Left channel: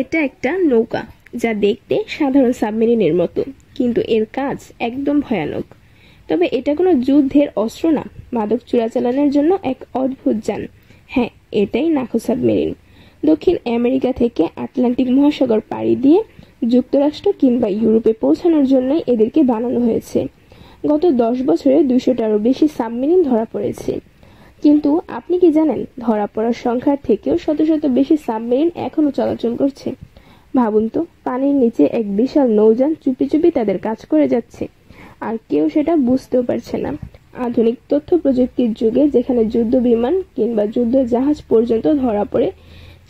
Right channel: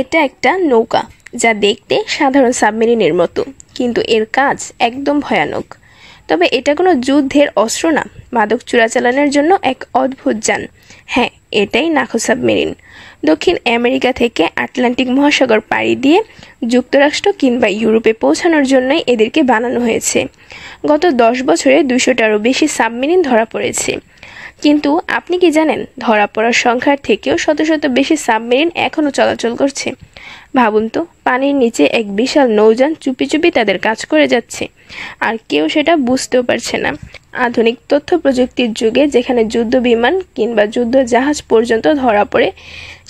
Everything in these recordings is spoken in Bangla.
এটা একটা নৌকা যা দেখতে সাধারণ সাবমেরিনের মতো, কিন্তু এর কাজ একদম ভয়ানক। তবে এটা কোনো যুদ্ধের অস্ত্র না, মাদক চোরাচালানের জন্য এক অদ্ভুত যান। হ্যাঁ, এটাই নাখো সাবমেরিন। দক্ষিণ আমেরিকা থেকে আটলান্টিক মহাসাগর পাড়ি দিয়ে যুক্তরাষ্ট্র কিংবা ইউরোপে পৌঁছানোর জন্যই এদেরকে বানানো হয়েছে। গত 10 বছরে 200টারও বেশি সাবমেরিন ধরা পড়েছে। কিন্তু আপনি কি জানেন, ধরা পড়ার সংখ্যার থেকেও শত শত বেশি সাবমেরিন এখনও চলাচল করছে। ভাবুন তো, পানির নিচে এক বিশাল নৌযান চুপি চুপি তাদের কাজ করে যাচ্ছে, আর কেউ সেটা বুঝতেও পারছে না। আধুনিক তথ্য প্রযুক্তির যুগে যেখানে যুদ্ধ বিমান কিংবা যুদ্ধ জাহাজ পর্যন্ত ধরা পড়ে,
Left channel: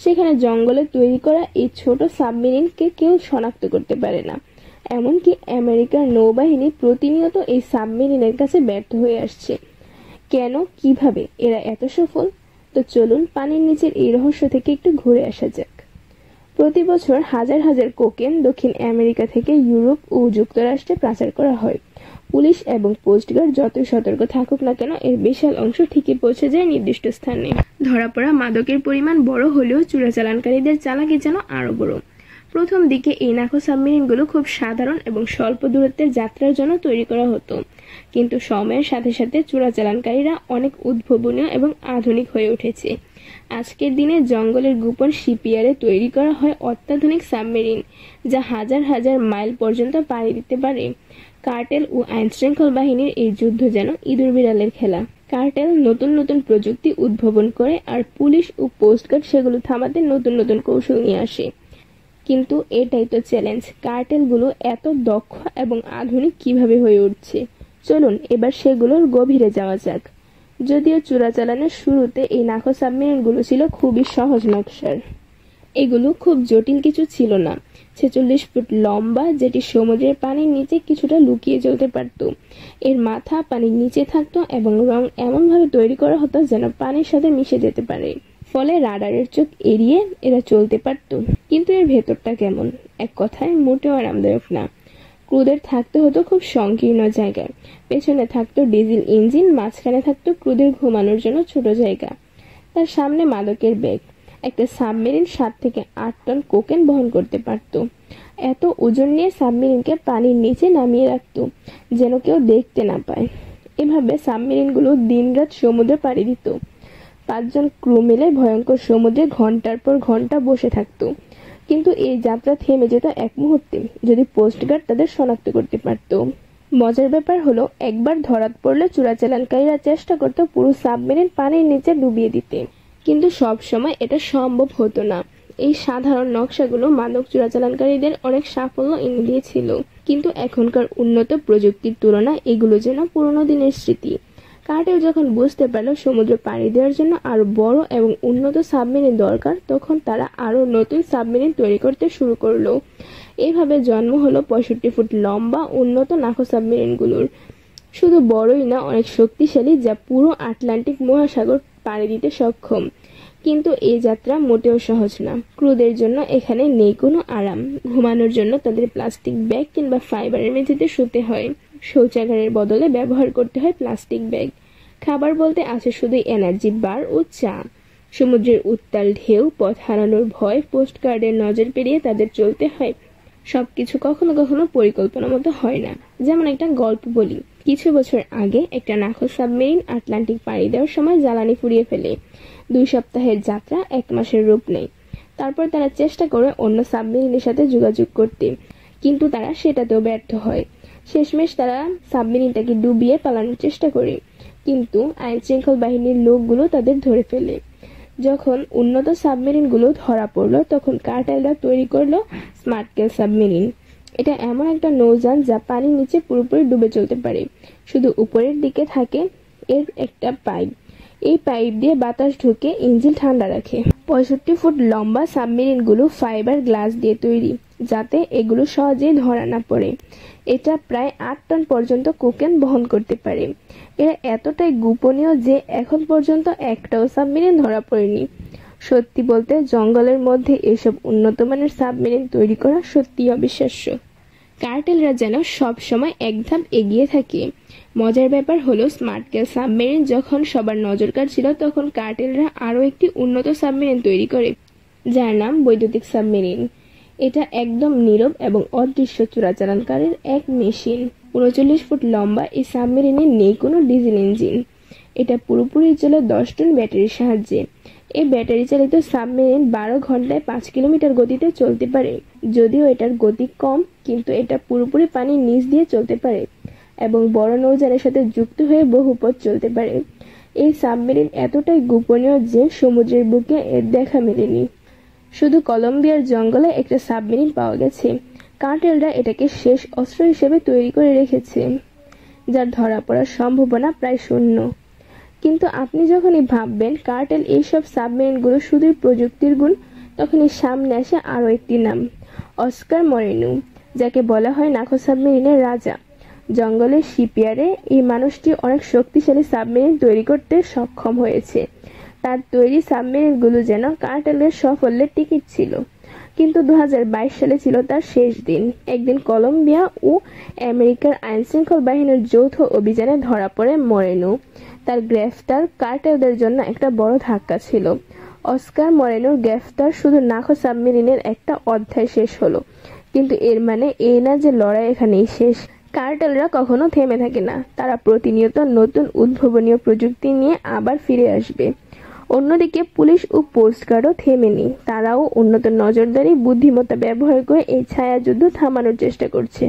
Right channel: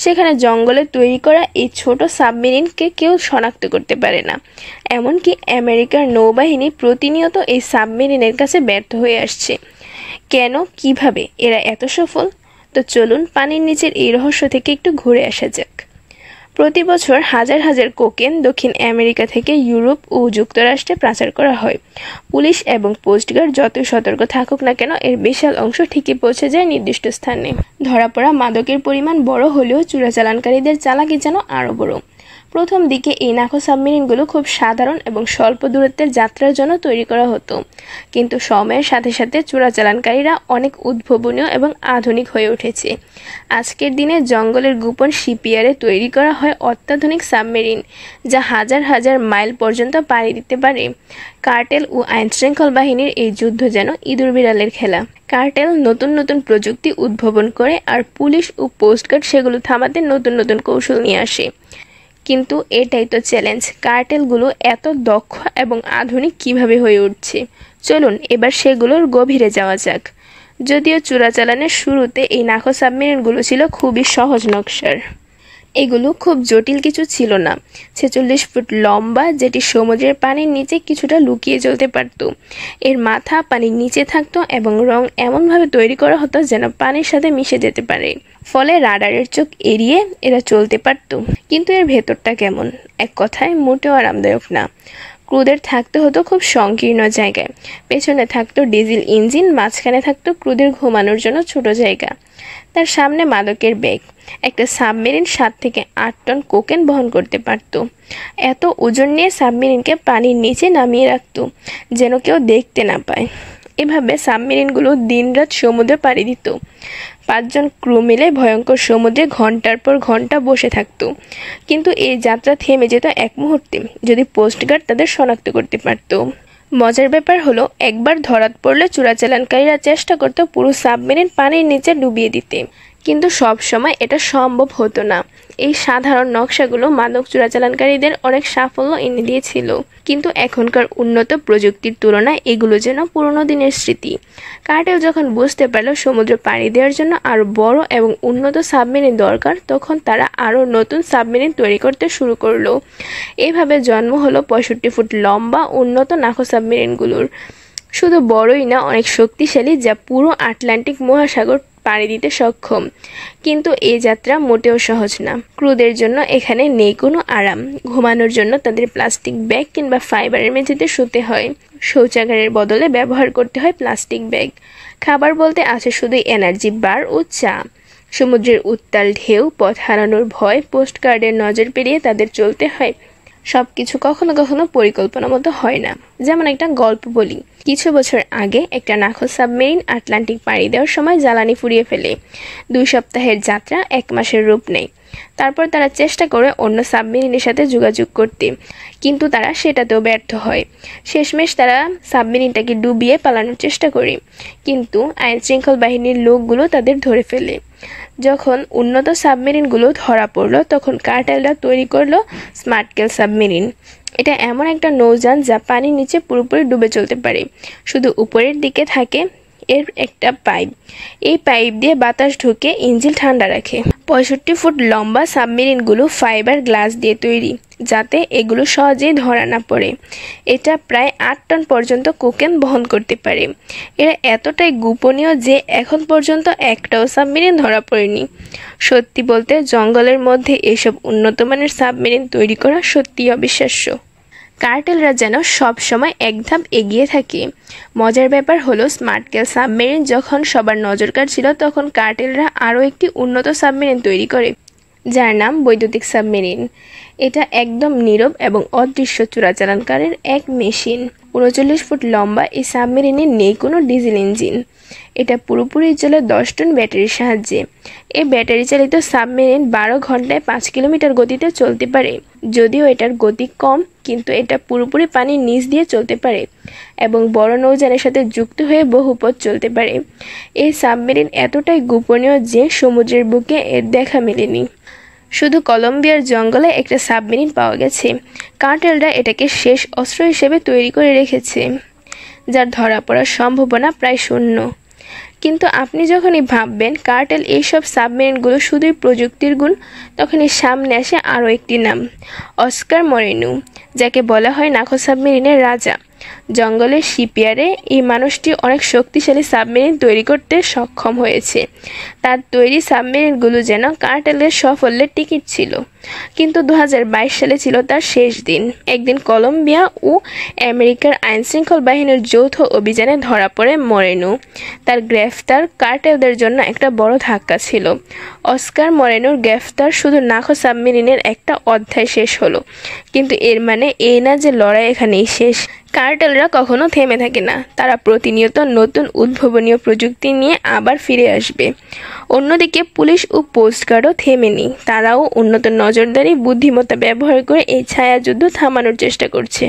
সেখানে জঙ্গলে তৈরি করা এই ছোট সাবমেরিনকে কেউ শনাক্ত করতে পারে না। এমনকি আমেরিকার নৌবাহিনী প্রতিনিয়ত এই সাবমেরিনের কাছে ব্যর্থ হয়ে আসছে। কেন, কিভাবে এরা এত সফল? তো চলুন পানির নিচের এই রহস্য থেকে একটু ঘুরে আসা যাক। প্রতি বছর হাজার হাজার কোকেন দক্ষিণ আমেরিকা থেকে ইউরোপ ও যুক্তরাষ্ট্রে পাচার করা হয়। পুলিশ এবং কোস্টগার্ড যতই সতর্ক থাকুক না কেন, এর বিশাল অংশ ঠিকই পৌঁছে যায় নির্দিষ্ট স্থানে। ধরা পড়া মাদকের পরিমাণ বড় হলেও চোরাচালানকারীদের চালাকি যেন আরও বড়। প্রথম দিকে এই নাখো সাবমেরিনগুলো খুব সাধারণ এবং স্বল্প দূরত্বের যাত্রার জন্য তৈরি করা হতো, কিন্তু সময়ের সাথে সাথে চোরাচালানকারীরা অনেক উদ্ভাবনীয় এবং আধুনিক হয়ে উঠেছে। আজকের দিনে জঙ্গলের গোপন শিপইয়ার্ডে তৈরি করা হয় অত্যাধুনিক সাবমেরিন, যা হাজার হাজার মাইল পর্যন্ত পাড়ি দিতে পারে। কার্টেল ও আইনশৃঙ্খল বাহিনীর এই যুদ্ধ যেন ইঁদুর বিড়ালের খেলা। কার্টেল নতুন নতুন প্রযুক্তি উদ্ভাবন করে, আর পুলিশ ও কোস্টগার্ড সেগুলো থামাতে নতুন নতুন কৌশল নিয়ে আসে। কিন্তু এটাই তো চ্যালেঞ্জ, কার্টেলগুলো এত দক্ষ এবং আধুনিক কিভাবে হয়ে উঠছে। চলুন এবার সেগুলোর গভীরে যাওয়া যাক। যদিও চোরাচালানের শুরুতে এই নাখো সাবমেরিনগুলো ছিল খুবই সহজ নকশার। এগুলো খুব জটিল কিছু ছিল না। 46 ফুট লম্বা, যেটি সমুদ্রের পানির নিচে কিছুটা লুকিয়ে চলতে পারত। এর মাথা পানির নিচে থাকতো এবং রং এমনভাবে তৈরি করা হতো যেন পানির সাথে মিশে যেতে পারে। ফলে রাডারের চোখ এড়িয়ে এরা চলতে পারত। কিন্তু এর ভেতরটা কেমন? এক কথায় মোটেও আরামদায়ক না। ক্রুদের থাকতে হতো খুব সংকীর্ণ জায়গায়। পেছনে থাকতো ডিজেল ইঞ্জিন, মাঝখানে থাকতো ক্রুদের ঘুমানোর জন্য ছোট জায়গা, তার সামনে মাদকের ব্যাগ। একটা সাবমেরিন 7 থেকে 8 টন কোকেন বহন করতে পারত। এত ওজন নিয়ে সাবমেরিনকে পানির নিচে নামিয়ে রাখত, যেন কেউ দেখতে না পায়। এভাবে সাবমেরিনগুলো দিনরাত সমুদ্রে পাড়ি দিত। 5 জন ক্রু মিলে ভয়ঙ্কর সমুদ্রে ঘন্টার পর ঘন্টা বসে থাকত। কিন্তু এই যাত্রা থেমে যেত এক মুহূর্তে, যদি কোস্টগার্ড তাদের শনাক্ত করতে পারত। মজার ব্যাপার হলো, একবার ধরাত পড়লে চোরাচালানকারীরা চেষ্টা করত পুরো সাবমেরিন পানির নিচে ডুবিয়ে দিতে, কিন্তু সব সময় এটা সম্ভব হতো না। এই সাধারণ নকশাগুলো মাদক চোরাচালানকারীদের অনেক সাফল্য এনে দিয়েছিল, কিন্তু এখনকার উন্নত প্রযুক্তির তুলনায় এগুলো যেন পুরনো দিনের স্মৃতি। কার্টেল যখন বুঝতে পারল সমুদ্র পাড়ি দেওয়ার জন্য আরও বড় এবং উন্নত সাবমেরিন দরকার, তখন তারা আরও নতুন সাবমেরিন তৈরি করতে শুরু করলো। এভাবে জন্ম হলো 65 ফুট লম্বা উন্নত নাখো সাবমেরিনগুলোর। শুধু বড়ই না, অনেক শক্তিশালী, যা পুরো আটলান্টিক মহাসাগর পাড়ি দিতে সক্ষম। কিন্তু এই যাত্রা মোটেও সহজ না। ক্রুদের জন্য এখানে নেই কোনো আরাম। ঘুমানোর জন্য তাদের প্লাস্টিক ব্যাগ কিংবা ফাইবারের মেঝেতে শুতে হয়। শৌচাগারের বদলে ব্যবহার করতে হয় প্লাস্টিক ব্যাগ। খাবার বলতে আছে শুধু এনার্জি বার ও চা। সমুদ্রের উত্তাল ঢেউ, পথ হারানোর ভয়, পোস্টকার্ডের নজর পেরিয়ে তাদের চলতে হয়। সবকিছু কখনো কখনো পরিকল্পনা মতো হয় না। যেমন একটা গল্প বলি। কিছু বছর আগে একটা নাখো সাবমেরিন আটলান্টিক পাড়ি দেওয়ার সময় জ্বালানি ফুরিয়ে ফেলে। 2 সপ্তাহের যাত্রা 1 মাসের রূপ নেয়। তারপর তারা চেষ্টা করে অন্য সাবমেরিনের সাথে যোগাযোগ করতে, কিন্তু তারা সেটাতেও ব্যর্থ হয়। শেষমেশ তারা সাবমেরিনটাকে ডুবিয়ে পালানোর চেষ্টা করে, কিন্তু আইনশৃঙ্খল বাহিনীর লোকগুলো তাদের ধরে ফেলে। যখন উন্নত সাবমেরিনগুলো ধরা পড়লো, তখন কার্টেলরা তৈরি করলো স্মার্টকেল সাবমেরিন। এটা এমন একটা নৌযান যা পানির নিচে পুরোপুরি ডুবে চলতে পারে। শুধু উপরের দিকে থাকে এর একটা পাইপ। এই পাইপ দিয়ে বাতাস ঢুকে ইঞ্জিন ঠান্ডা রাখে। 65 ফুট লম্বা সাবমেরিনগুলো ফাইবার গ্লাস দিয়ে তৈরি, যাতে এগুলো সহজেই ধরা না পড়ে। এটা প্রায় 8 টন পর্যন্ত কোকেন বহন করতে পারে। এরা এতটাই গোপনীয় যে এখন পর্যন্ত একটাও সাবমেরিন ধরা পড়েনি। সত্যি বলতে, জঙ্গলের মধ্যে এসব উন্নতমানের সাবমেরিন তৈরি করা সত্যিই অবিশ্বাস্য। কার্টেলরা যেন সব সময় এক ধাপ এগিয়ে থাকে। মজার ব্যাপার হলো, স্মার্টকেল সাবমেরিন যখন সবার নজর কাড়ছিল, তখন কার্টেলরা আরও একটি উন্নত সাবমেরিন তৈরি করে। যার নাম বৈদ্যুতিক সাবমেরিন। এটা একদম নীরব এবং অদৃশ্য চোরাচালানকারীর এক মেশিন। ৩৯ ফুট লম্বা এই সাবমেরিনে নেই কোনো ডিজেল ইঞ্জিন। এটা পুরোপুরি চলে 10 টন ব্যাটারির সাহায্যে। এই ব্যাটারি চালিত সাবমেরিন 12 ঘন্টায় 5 কিলোমিটার গতিতে চলতে পারে। যদিও এটার গতি কম, কিন্তু এটা পুরোপুরি পানির নিচ দিয়ে চলতে পারে এবং বড় নৌযানের সাথে যুক্ত হয়ে বহু পথ চলতে পারে। এই সাবমেরিন এতটাই গোপনীয় যে সমুদ্রের বুকে এর দেখা মেলেনি। শুধু কলম্বিয়ার জঙ্গলে একটা সাবমেরিন পাওয়া গেছে। কার্টেলরা এটাকে শেষ অস্ত্র হিসেবে তৈরি করে রেখেছে, যার ধরা পড়ার সম্ভাবনা প্রায় শূন্য। কিন্তু আপনি যখনই ভাববেন কার্টেল এইসব সাবমেরিনগুলো শুধুই প্রযুক্তির গুণ, তখনই সামনে আসে আরও একটি নাম, অস্কার মরেনো, যাকে বলা হয় নাখো সাবমেরিনের রাজা। জঙ্গলের শিপইয়ার্ডে এই মানুষটি অনেক শক্তিশালী সাবমেরিন তৈরি করতে সক্ষম হয়েছে। তার তৈরি সাবমেরিনগুলো যেন কার্টেলের সাফল্যের টিকিট ছিল। কিন্তু 2022 সালে ছিল তার শেষ দিন। একদিন কলম্বিয়া ও আমেরিকার আইনশৃঙ্খল বাহিনীর যৌথ অভিযানে ধরা পড়ে মরেনো। তার গ্রেফতার কার্টেলদের জন্য একটা বড় ধাক্কা ছিল। অস্কার মরেনোর গ্রেফতার শুধু নাখো সাবমেরিনের একটা অধ্যায় শেষ হলো, কিন্তু এর মানে এই না যে লড়াই এখানেই শেষ। কার্টেলরা কখনো থেমে থাকে না। তারা প্রতিনিয়ত নতুন উদ্ভাবনীয় প্রযুক্তি নিয়ে আবার ফিরে আসবে। অন্যদিকে পুলিশ ও কোস্টগার্ডও থেমেনি। তারাও উন্নত নজরদারি বুদ্ধিমত্তা ব্যবহার করে এই ছায়াযুদ্ধ থামানোর চেষ্টা করছে।